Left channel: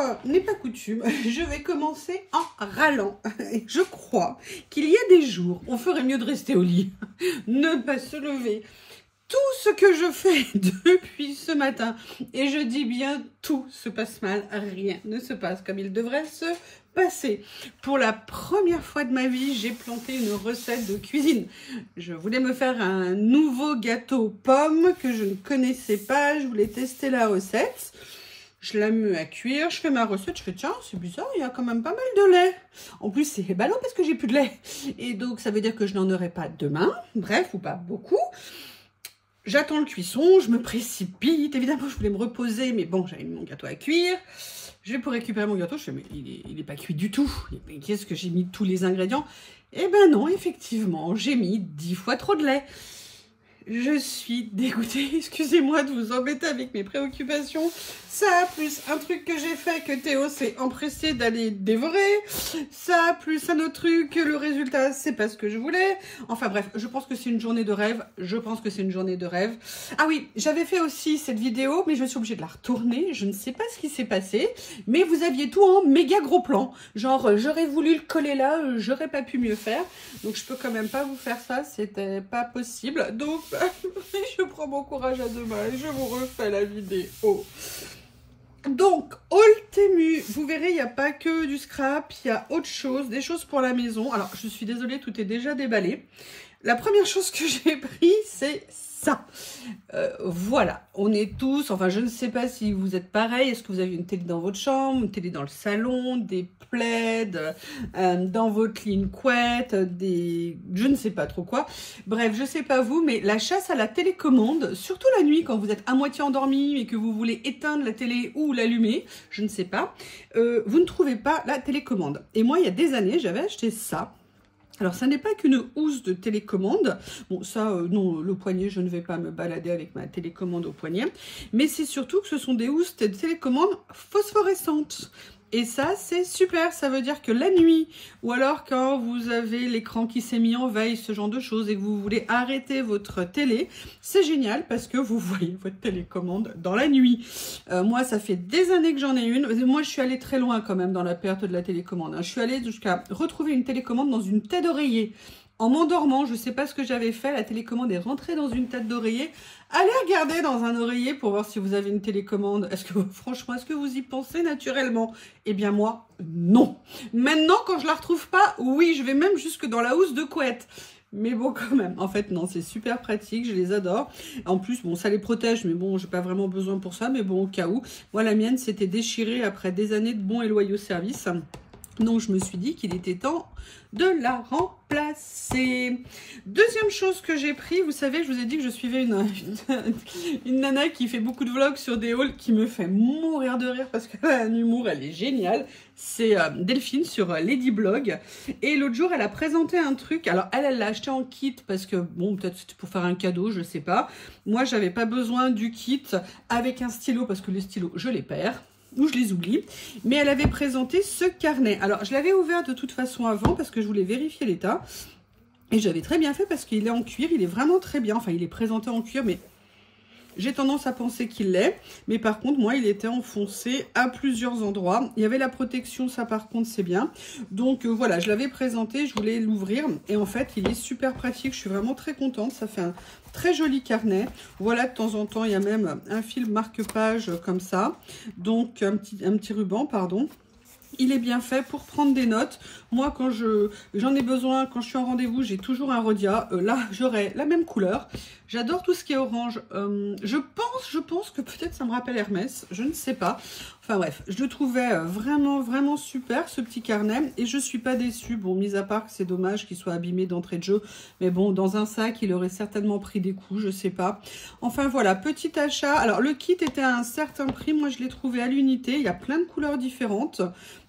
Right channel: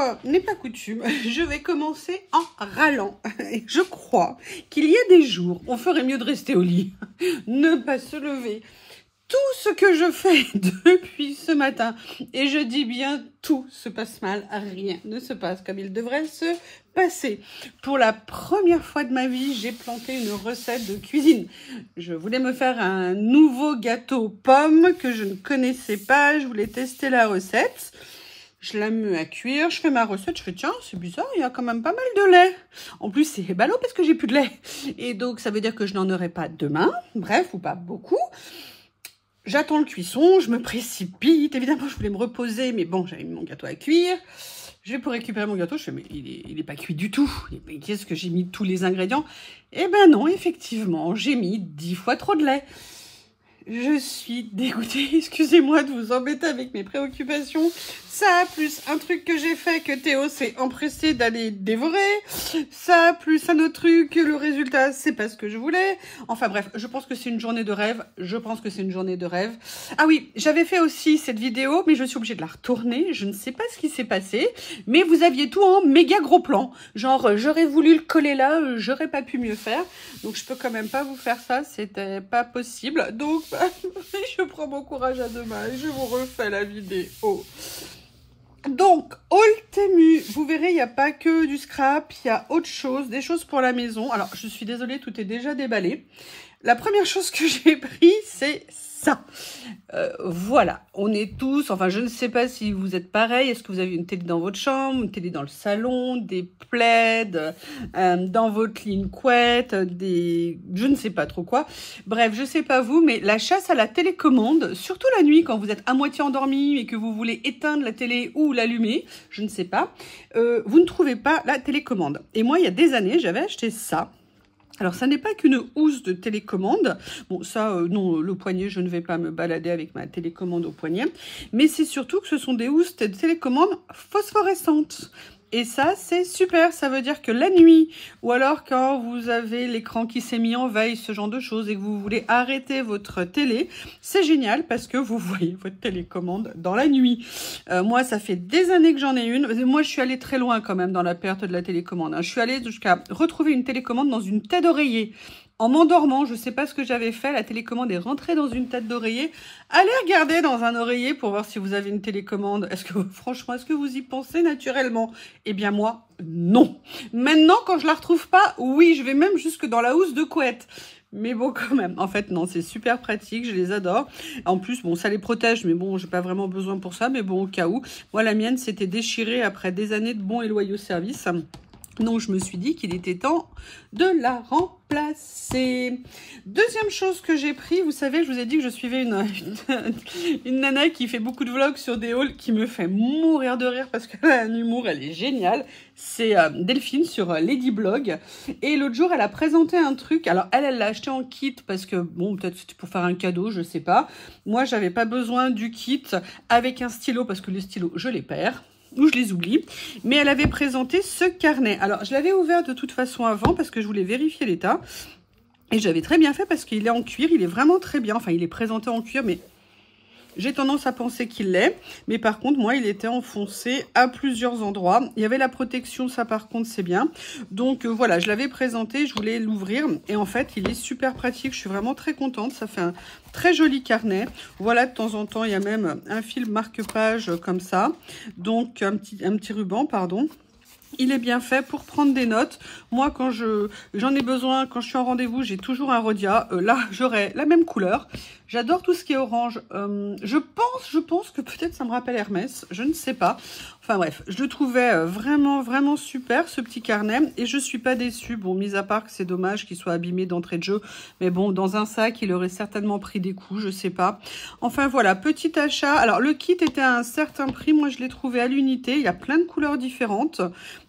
fois n'est pas coutume, je vais commencer en râlant. Et je crois qu'il y a des jours, on ferait mieux de rester au lit, ne pas se lever. Tout ce que je fais depuis ce matin, et je dis bien tout se passe mal, rien ne se passe comme il devrait se passer. Pour la première fois de ma vie, j'ai planté une recette de cuisine. Je voulais me faire un nouveau gâteau pomme que je ne connaissais pas, je voulais tester la recette. Je la mets à cuire, je fais ma recette, je fais tiens, c'est bizarre, il y a quand même pas mal de lait. En plus, c'est ballot parce que j'ai plus de lait. Et donc, ça veut dire que je n'en aurai pas demain, bref, ou pas beaucoup. J'attends le cuisson, je me précipite. Évidemment, je voulais me reposer, mais bon, j'avais mis mon gâteau à cuire. Je vais pour récupérer mon gâteau, je fais, mais il est pas cuit du tout. Qu'est-ce que j'ai mis tous les ingrédients? Eh ben non, effectivement, j'ai mis 10 fois trop de lait. Je suis dégoûtée, excusez-moi de vous embêter avec mes préoccupations. Ça, plus un truc que j'ai fait que Théo s'est empressé d'aller dévorer. Ça, plus un autre truc, le résultat, c'est pas ce que je voulais. Enfin bref, je pense que c'est une journée de rêve. Ah oui, j'avais fait aussi cette vidéo, mais je suis obligée de la retourner. Je ne sais pas ce qui s'est passé, mais vous aviez tout en méga gros plan. Genre, j'aurais voulu le coller là, j'aurais pas pu mieux faire. Donc, je peux quand même pas vous faire ça, c'était pas possible. Donc, je prends mon courage à deux mains et je vous refais la vidéo. Donc, haul Temu, vous verrez, il n'y a pas que du scrap, il y a autre chose, des choses pour la maison. Alors, je suis désolée, tout est déjà déballé. La première chose que j'ai pris, c'est ça. Voilà, on est tous, enfin, je ne sais pas si vous êtes pareil. Est-ce que vous avez une télé dans votre chambre, une télé dans le salon, des plaids, dans votre lit une couette, je ne sais pas trop quoi. Bref, je sais pas vous, mais la chasse à la télécommande, surtout la nuit quand vous êtes à moitié endormi et que vous voulez éteindre la télé ou l'allumer, je ne sais pas, vous ne trouvez pas la télécommande. Et moi, il y a des années, j'avais acheté ça. Alors, ça n'est pas qu'une housse de télécommande. Bon, ça, non, le poignet, je ne vais pas me balader avec ma télécommande au poignet. Mais c'est surtout que ce sont des housses de télécommande phosphorescentes. Et ça, c'est super. Ça veut dire que la nuit, ou alors quand vous avez l'écran qui s'est mis en veille, ce genre de choses, et que vous voulez arrêter votre télé, c'est génial parce que vous voyez votre télécommande dans la nuit. Moi, ça fait des années que j'en ai une. Moi, je suis allée très loin quand même dans la perte de la télécommande. Je suis allée jusqu'à retrouver une télécommande dans une tête d'oreiller. En m'endormant, je ne sais pas ce que j'avais fait, la télécommande est rentrée dans une tête d'oreiller. Allez regarder dans un oreiller pour voir si vous avez une télécommande. Franchement, est-ce que vous y pensez naturellement? Eh bien moi, non. Maintenant, quand je la retrouve pas, oui, je vais même jusque dans la housse de couette. Mais bon, quand même, en fait, non, c'est super pratique, je les adore. En plus, bon, ça les protège, mais bon, j'ai pas vraiment besoin pour ça, mais bon, au cas où. Moi, la mienne s'était déchirée après des années de bons et loyaux services. Donc, je me suis dit qu'il était temps de la remplacer. Deuxième chose que j'ai pris, vous savez, je vous ai dit que je suivais une nana qui fait beaucoup de vlogs sur des hauls qui me fait mourir de rire parce qu'elle a un humour, elle est géniale. C'est Delphine sur Ladyblog. Et l'autre jour, elle a présenté un truc. Alors, elle l'a acheté en kit parce que, bon, peut-être c'était pour faire un cadeau, je sais pas. Moi, j'avais pas besoin du kit avec un stylo parce que les stylos, je les perds. Ou je les oublie, mais elle avait présenté ce carnet. Alors, je l'avais ouvert de toute façon avant parce que je voulais vérifier l'état. Et j'avais très bien fait parce qu'il est en cuir, il est vraiment très bien. Enfin, il est présenté en cuir, mais j'ai tendance à penser qu'il l'est. Mais par contre, moi, il était enfoncé à plusieurs endroits. Il y avait la protection, ça par contre, c'est bien. Donc voilà, je l'avais présenté, je voulais l'ouvrir. Et en fait, il est super pratique, je suis vraiment très contente. Ça fait un très joli carnet. Voilà, de temps en temps, il y a même un fil marque-page comme ça. Donc, un petit ruban, pardon. Il est bien fait pour prendre des notes. Moi, quand j'en ai besoin, quand je suis en rendez-vous, j'ai toujours un Rhodia. Là, j'aurai la même couleur. J'adore tout ce qui est orange. Je pense que peut-être ça me rappelle Hermès. Je ne sais pas. Enfin bref, je le trouvais vraiment, vraiment super, ce petit carnet. Et je ne suis pas déçue. Bon, mis à part que c'est dommage qu'il soit abîmé d'entrée de jeu. Mais bon, dans un sac, il aurait certainement pris des coups, je sais pas. Enfin voilà, petit achat. Alors, le kit était à un certain prix. Moi, je l'ai trouvé à l'unité. Il y a plein de couleurs différentes.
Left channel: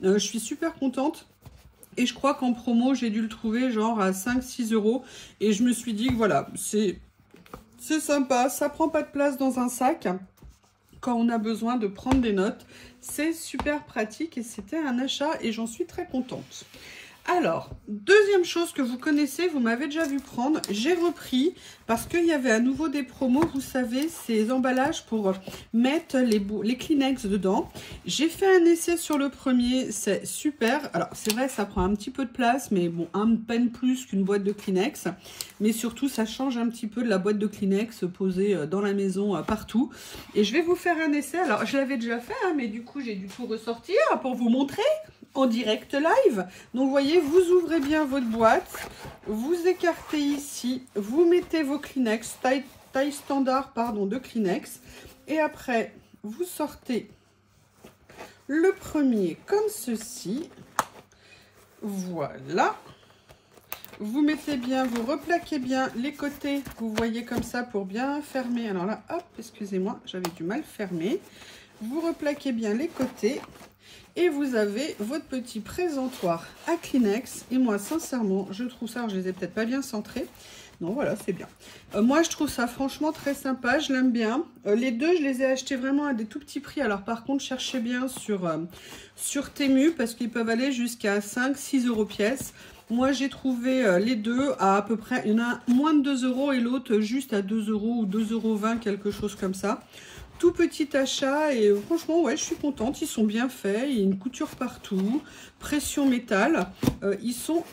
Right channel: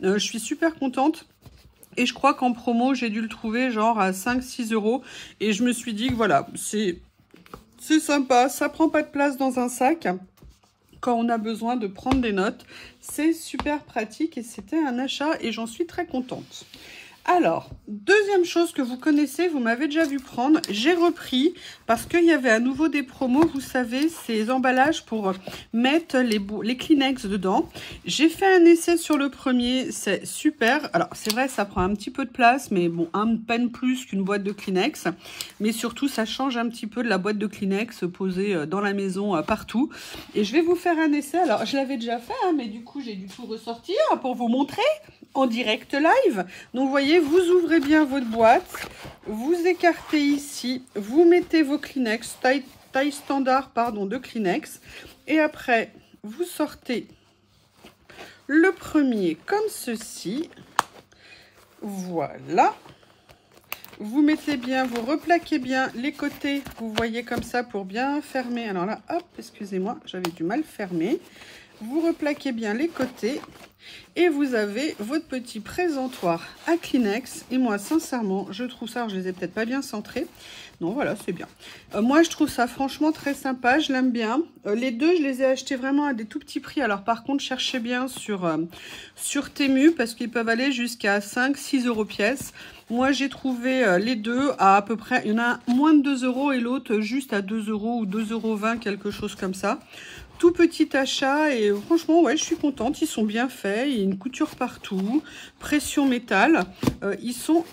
Je suis super contente. Et je crois qu'en promo, j'ai dû le trouver genre à 5-6 €. Et je me suis dit que voilà, c'est sympa. Ça prend pas de place dans un sac. Quand on a besoin de prendre des notes, c'est super pratique et c'était un achat et j'en suis très contente. Alors, deuxième chose que vous connaissez, vous m'avez déjà vu prendre, j'ai repris parce qu'il y avait à nouveau des promos, vous savez, ces emballages pour mettre les Kleenex dedans. J'ai fait un essai sur le premier, c'est super. Alors, c'est vrai, ça prend un petit peu de place, mais bon, un peine plus qu'une boîte de Kleenex. Mais surtout, ça change un petit peu de la boîte de Kleenex posée dans la maison partout. Et je vais vous faire un essai. Alors, je l'avais déjà fait, hein, mais du coup, j'ai dû tout ressortir pour vous montrer en direct live. Donc vous voyez, vous ouvrez bien votre boîte, vous écartez ici, vous mettez vos Kleenex, taille standard pardon, de Kleenex, et après vous sortez le premier comme ceci, voilà. Vous mettez bien, vous replaquez bien les côtés, vous voyez comme ça pour bien fermer. Alors là, hop, excusez-moi, j'avais du mal fermer. Vous replaquez bien les côtés. Et vous avez votre petit présentoir à Kleenex. Et moi, sincèrement, je trouve ça, je les ai peut-être pas bien centrés. Non, voilà, c'est bien. Moi, je trouve ça franchement très sympa. Je l'aime bien. Les deux, je les ai achetés vraiment à des tout petits prix. Alors, par contre, cherchez bien sur Temu parce qu'ils peuvent aller jusqu'à 5-6 € pièce. Moi, j'ai trouvé les deux à peu près, il y en a moins de 2 € et l'autre juste à 2 € ou 2,20 €, quelque chose comme ça. Tout petit achat et franchement, ouais, je suis contente. Ils sont bien faits. Il y a une couture partout. Pression métal. Ils sont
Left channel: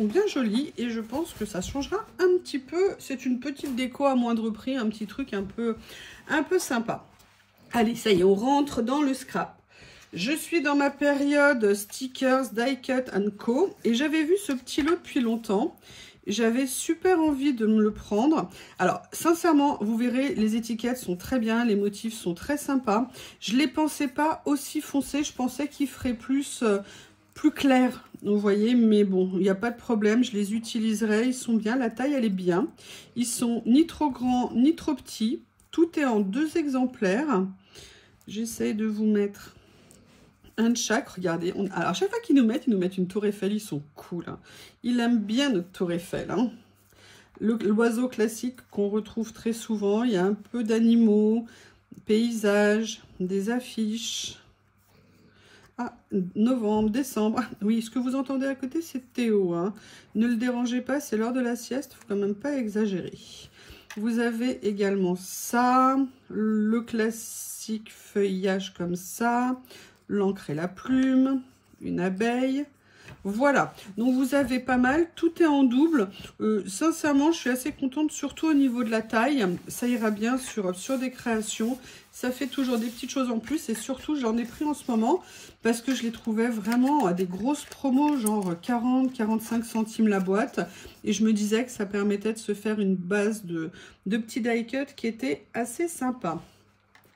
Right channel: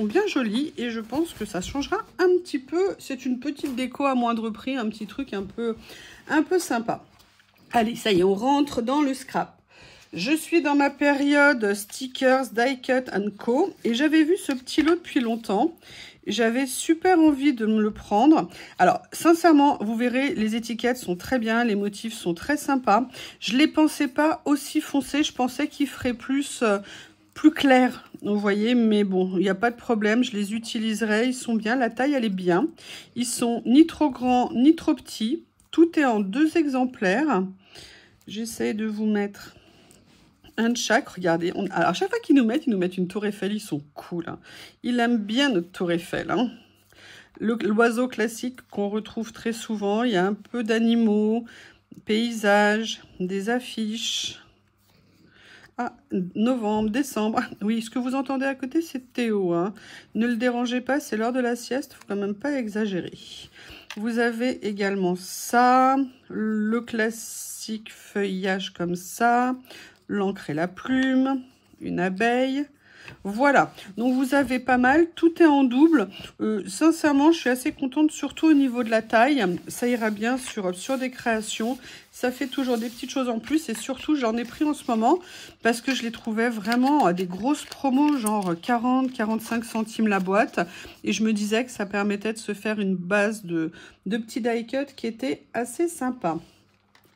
bien jolis et je pense que ça changera un petit peu. C'est une petite déco à moindre prix. Un petit truc un peu sympa. Allez, ça y est, on rentre dans le scrap. Je suis dans ma période stickers, die cut co. Et j'avais vu ce petit lot depuis longtemps. J'avais super envie de me le prendre. Alors, sincèrement, vous verrez, les étiquettes sont très bien, les motifs sont très sympas. Je ne les pensais pas aussi foncés, je pensais qu'ils feraient plus clair, vous voyez, mais bon, il n'y a pas de problème, je les utiliserai, ils sont bien, la taille, elle est bien. Ils sont ni trop grands, ni trop petits. Tout est en 2 exemplaires. J'essaie de vous mettre un de chaque, regardez. Alors, à chaque fois qu'ils nous mettent une tour Eiffel, ils sont cool. Hein. Ils aiment bien notre tour Eiffel. Hein. L'oiseau classique qu'on retrouve très souvent. Il y a un peu d'animaux, paysages, des affiches. Ah, novembre, décembre. Ah, oui, ce que vous entendez à côté, c'est Théo. Hein. Ne le dérangez pas, c'est l'heure de la sieste. Il ne faut quand même pas exagérer. Vous avez également ça. Le classique feuillage comme ça. L'encre et la plume, une abeille, voilà. Donc vous avez pas mal, tout est en double. Sincèrement, je suis assez contente, surtout au niveau de la taille. Ça ira bien sur des créations. Ça fait toujours des petites choses en plus et surtout, j'en ai pris en ce moment parce que je les trouvais vraiment à des grosses promos, genre 40-45 centimes la boîte. Et je me disais que ça permettait de se faire une base de petits die cut qui était assez sympa.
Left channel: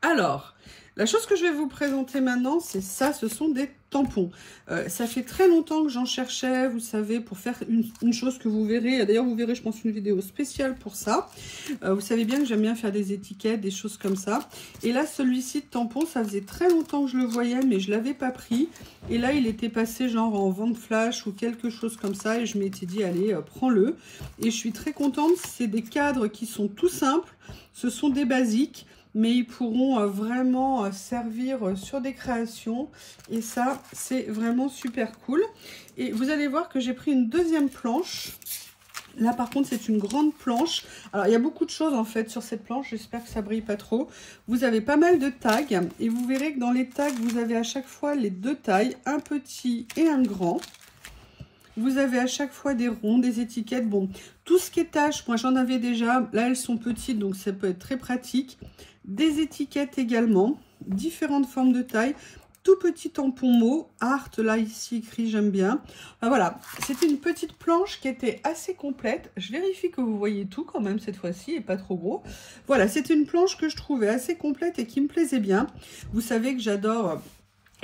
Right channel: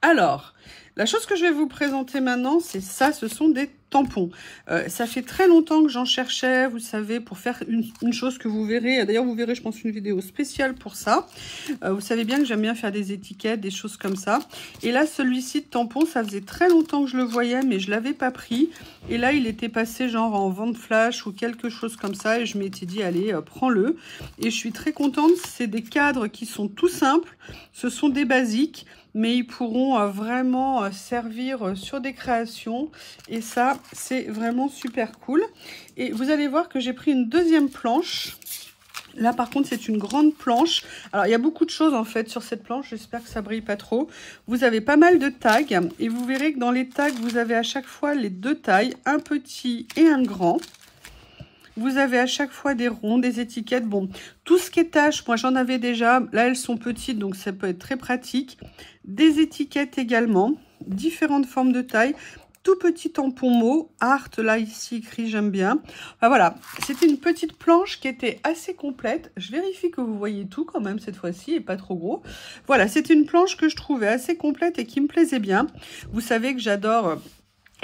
Alors, la chose que je vais vous présenter maintenant, c'est ça, ce sont des tampons. Ça fait très longtemps que j'en cherchais, vous savez, pour faire une chose que vous verrez. D'ailleurs, vous verrez, je pense, une vidéo spéciale pour ça. Vous savez bien que j'aime bien faire des étiquettes, des choses comme ça. Et là, celui-ci de tampon, ça faisait très longtemps que je le voyais, mais je ne l'avais pas pris. Et là, il était passé genre en vente flash ou quelque chose comme ça. Et je m'étais dit, allez, prends-le. Et je suis très contente. C'est des cadres qui sont tout simples. Ce sont des basiques. Mais ils pourront vraiment servir sur des créations. Et ça, c'est vraiment super cool. Et vous allez voir que j'ai pris une deuxième planche. Là, par contre, c'est une grande planche. Alors, il y a beaucoup de choses, en fait, sur cette planche. J'espère que ça brille pas trop. Vous avez pas mal de tags. Et vous verrez que dans les tags, vous avez à chaque fois les 2 tailles. Un petit et un grand. Vous avez à chaque fois des ronds, des étiquettes. Bon, tout ce qui est taches, moi, j'en avais déjà. Là, elles sont petites, donc ça peut être très pratique. Des étiquettes également, différentes formes de taille, tout petit tampon mot, art, là ici écrit, j'aime bien. Enfin, voilà, c'était une petite planche qui était assez complète. Je vérifie que vous voyez tout quand même cette fois-ci et pas trop gros. Voilà, c'était une planche que je trouvais assez complète et qui me plaisait bien. Vous savez que j'adore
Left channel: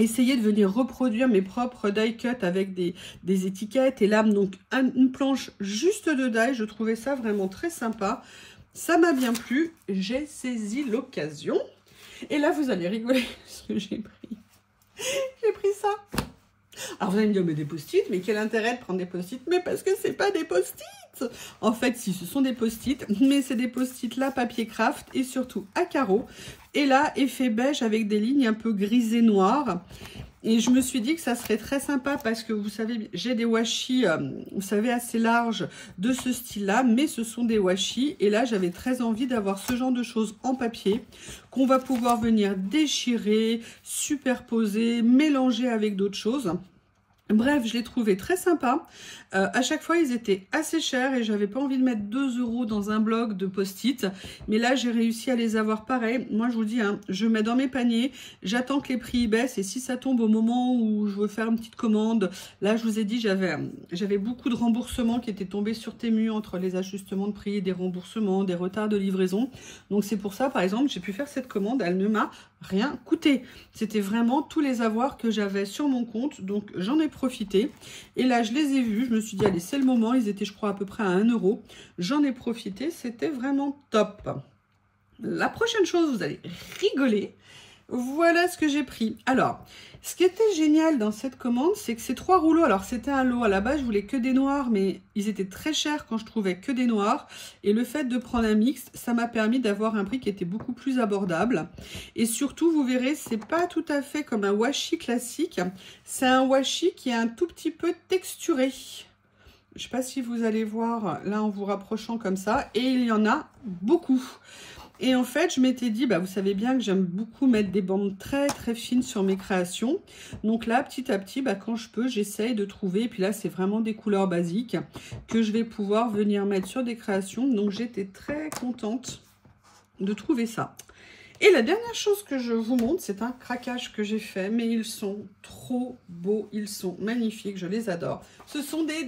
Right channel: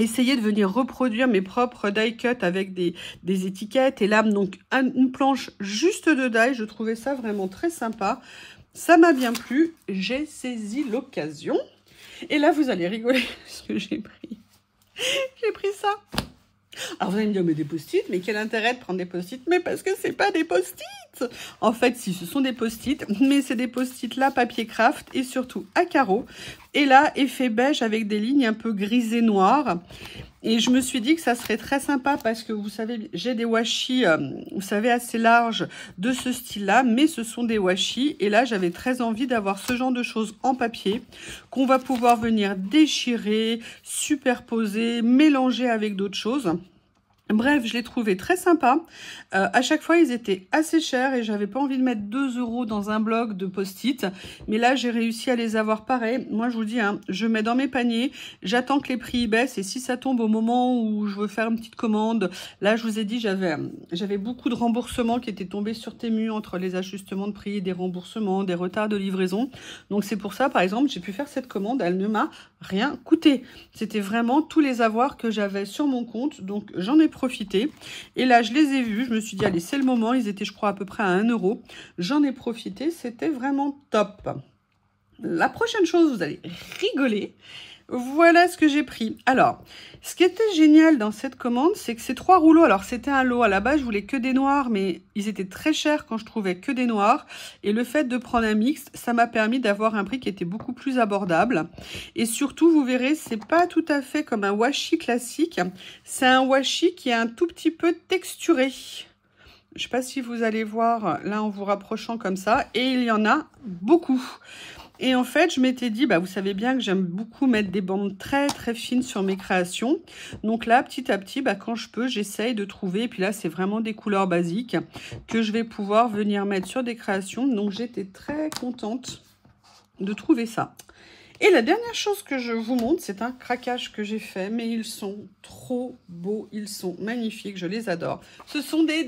essayer de venir reproduire mes propres die cut avec des étiquettes et là, donc une planche juste de die, je trouvais ça vraiment très sympa. Ça m'a bien plu, j'ai saisi l'occasion. Et là, vous allez rigoler parce que j'ai pris. J'ai pris ça. Alors, vous allez me dire, mais des post-it, mais quel intérêt de prendre des post-it? Mais parce que c'est pas des post-it. En fait, si, ce sont des post-it, mais c'est des post-it là, papier craft et surtout à carreaux. Et là, effet beige avec des lignes un peu grisées noires. Et je me suis dit que ça serait très sympa parce que vous savez, j'ai des washi, vous savez, assez larges de ce style-là, mais ce sont des washi. Et là, j'avais très envie d'avoir ce genre de choses en papier qu'on va pouvoir venir déchirer, superposer, mélanger avec d'autres choses. Bref, je l'ai trouvé très sympa. À chaque fois, ils étaient assez chers et j'avais pas envie de mettre 2 € dans un bloc de post-it. Mais là, j'ai réussi à les avoir pareil. Moi, je vous dis, hein, je mets dans mes paniers, j'attends que les prix y baissent et si ça tombe au moment où je veux faire une petite commande, là, je vous ai dit, j'avais beaucoup de remboursements qui étaient tombés sur Temu entre les ajustements de prix, des remboursements, des retards de livraison. Donc, c'est pour ça, par exemple, j'ai pu faire cette commande. Elle ne m'a rien coûté. C'était vraiment tous les avoirs que j'avais sur mon compte. Donc, j'en ai profité. Et là, je les ai vus. Je me suis dit, allez, c'est le moment. Ils étaient, je crois, à peu près à 1 €. J'en ai profité. C'était vraiment top. La prochaine chose, vous allez rigoler. Voilà ce que j'ai pris. Alors, ce qui était génial dans cette commande, c'est que ces 3 rouleaux, alors c'était un lot. À la base, je voulais que des noirs, mais ils étaient très chers quand je trouvais que des noirs. Et le fait de prendre un mix, ça m'a permis d'avoir un prix qui était beaucoup plus abordable. Et surtout, vous verrez, c'est pas tout à fait comme un washi classique. C'est un washi qui est un tout petit peu texturé. Je ne sais pas si vous allez voir là en vous rapprochant comme ça. Et il y en a beaucoup. Et en fait, je m'étais dit, bah, vous savez bien que j'aime beaucoup mettre des bandes très très fines sur mes créations. Donc là, petit à petit, bah, quand je peux, j'essaye de trouver. Et puis là, c'est vraiment des couleurs basiques que je vais pouvoir venir mettre sur des créations. Donc j'étais très contente de trouver ça. Et la dernière chose que je vous montre, c'est un craquage que j'ai fait. Mais ils sont trop beaux, ils sont magnifiques, je les adore. Ce sont des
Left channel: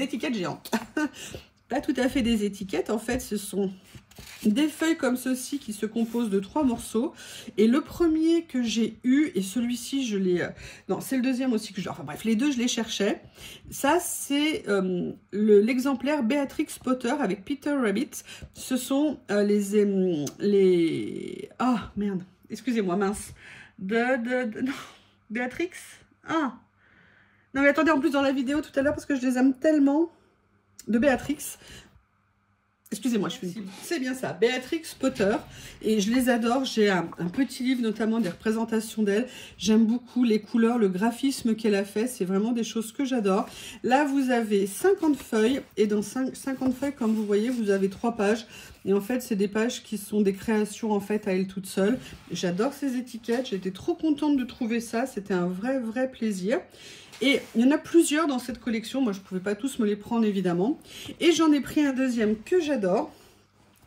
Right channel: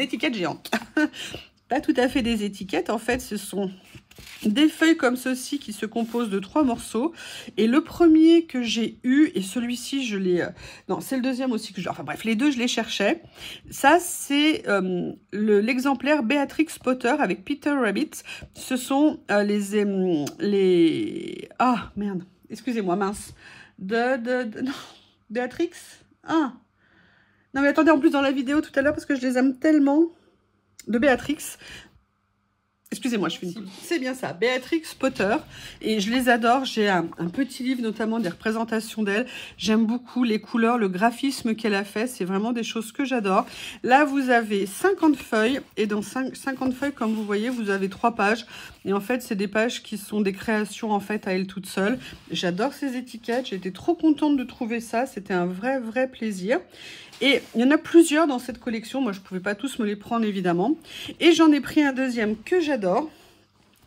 étiquettes géantes. Pas tout à fait des étiquettes, en fait, ce sont des feuilles comme ceci qui se composent de 3 morceaux. Et le premier que j'ai eu, et celui-ci, je l'ai... non, c'est le deuxième aussi que j'ai... Enfin bref, les deux, je les cherchais. Ça, c'est l'exemplaire Beatrix Potter avec Peter Rabbit. Ce sont les... Ah, merde. Excusez-moi, mince. Non, Béatrix. Ah. Non, mais attendez, en plus, dans la vidéo tout à l'heure, parce que je les aime tellement... de Béatrix. Excusez-moi, je suis une... C'est bien ça, Beatrix Potter. Et je les adore. J'ai un petit livre, notamment des représentations d'elle. J'aime beaucoup les couleurs, le graphisme qu'elle a fait. C'est vraiment des choses que j'adore. Là, vous avez 50 feuilles. Et dans 50 feuilles, comme vous voyez, vous avez 3 pages. Et en fait, c'est des pages qui sont des créations, en fait, à elle toute seule. J'adore ces étiquettes. J'étais trop contente de trouver ça. C'était un vrai plaisir. Et il y en a plusieurs dans cette collection. Moi, je ne pouvais pas tous me les prendre, évidemment. Et j'en ai pris un deuxième que j'adore.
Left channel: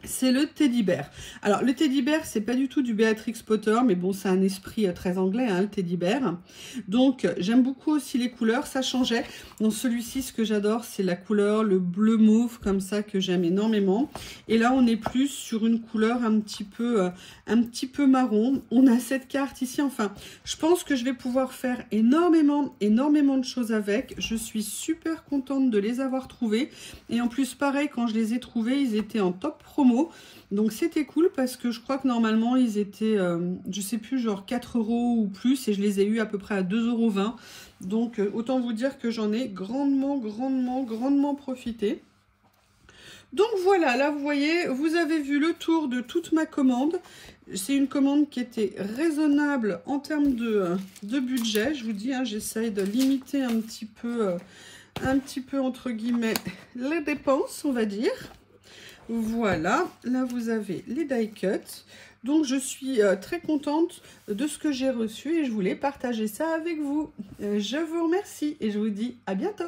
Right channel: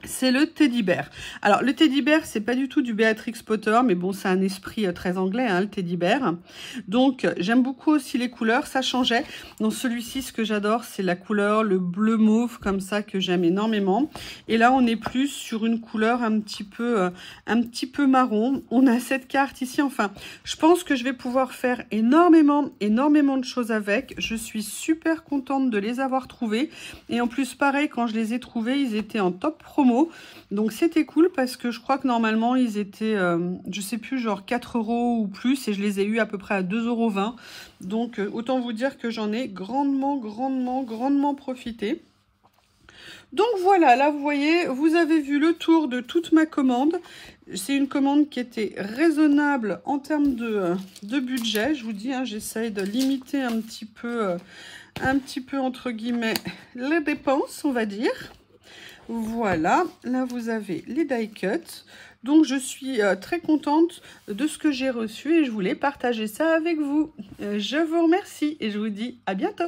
C'est le Teddy Bear. Alors, le Teddy Bear, c'est pas du tout du Beatrix Potter, mais bon, c'est un esprit très anglais, hein, le Teddy Bear. Donc, j'aime beaucoup aussi les couleurs, ça changeait. Dans celui-ci, ce que j'adore, c'est la couleur, le bleu mauve, comme ça, que j'aime énormément. Et là, on est plus sur une couleur un petit peu marron. On a cette carte ici, enfin, je pense que je vais pouvoir faire énormément de choses avec. Je suis super contente de les avoir trouvés. Et en plus, pareil, quand je les ai trouvés, ils étaient en top promo. Donc c'était cool parce que je crois que normalement ils étaient, je sais plus, genre 4 € ou plus, et je les ai eu à peu près à 2,20 €. Donc autant vous dire que j'en ai grandement profité. Donc voilà, là vous voyez, vous avez vu le tour de toute ma commande. C'est une commande qui était raisonnable en termes de budget. Je vous dis, hein, j'essaye de limiter un petit peu entre guillemets les dépenses, on va dire. Voilà, là vous avez les die cuts. Donc je suis très contente de ce que j'ai reçu et je voulais partager ça avec vous. Je vous remercie et je vous dis à bientôt.